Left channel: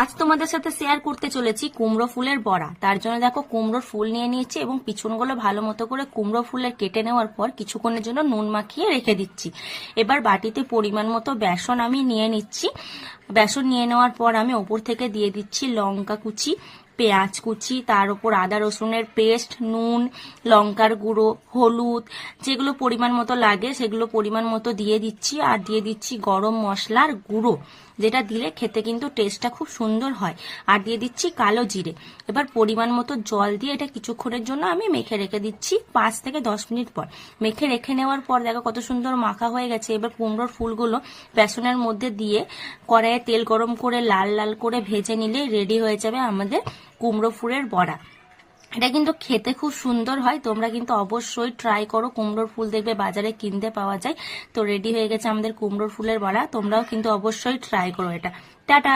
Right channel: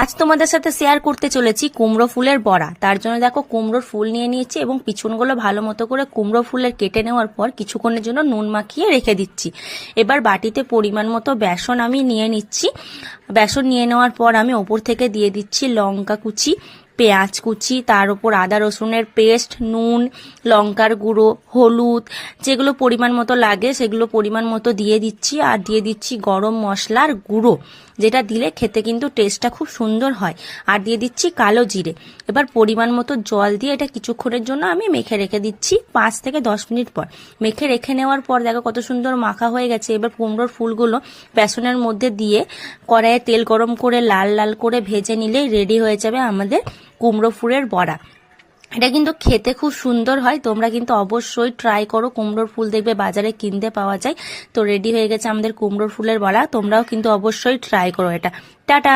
আজ তোমাদের সাথে শেয়ার করতে চলেছি কুমড়ো ফুলের বড়া। তার জন্য দেখো কুমড়োর ফুল নিয়ে নিয়েছি এবং পিছনগুলো ভালো মতো করে কুমড়ো ফুলের কেটে নেওয়ার পর কিছুক্ষণের জন্য নুন মাখিয়ে রেখে দিচ্ছি। এবার বাটিতে পরিমাণ মতো বেসন আমি নিয়ে নিচ্ছি। বেসন নিয়ে নেওয়ার পর আমি ওপর থেকে দিয়ে দিচ্ছি লঙ্কা কুচি, পেঁয়াজ কুচি, তার উপর আদা রসুনের পেস্ট, নুন, লঙ্কার গুঁড়ো, হলুদ, যেগুলো পরিমাণ মতো লাগে সেগুলো পরিমাণ মতো দিয়ে দিচ্ছি। আর দিয়ে দিচ্ছি গরম মশলার গুঁড়ো, যেটা দিলে খেতে কিন্তু টেস্টটা খুব সুন্দর হয়। আর দিয়ে দিচ্ছি কালো জিরে। এবার পরিমাণ মতো জল দিয়ে এটা কিছুক্ষণের জন্য আমি মেখে রেখে দিচ্ছি 5 থেকে 10 মিনিট পর। মেখে রেখে নেওয়ার পর দেখো কত সুন্দর মাখা হয়ে গেছে। এবার কুমড়োর ফুলগুলো বেসনের মধ্যে দিয়ে কড়াইয়ে তেল গরম করে লাল লাল করে ভেজে নিলেই রেডি হয়ে যাবে আমাদের কুমড়ো ফুলের বড়া। এটা কিন্তু খেতে খুব সুন্দর হয়, তোমরা কিন্তু অবশ্যই ট্রাই করো। কুমড়োর ফুল দেখবে বাজারে কিনতে পাওয়া যায়। তো রেডি হয়ে গেছে আমাদের কুমড়োর ফুলের বড়া, তোমরাও কিন্তু অবশ্যই ট্রাই করো এটা। টাটা।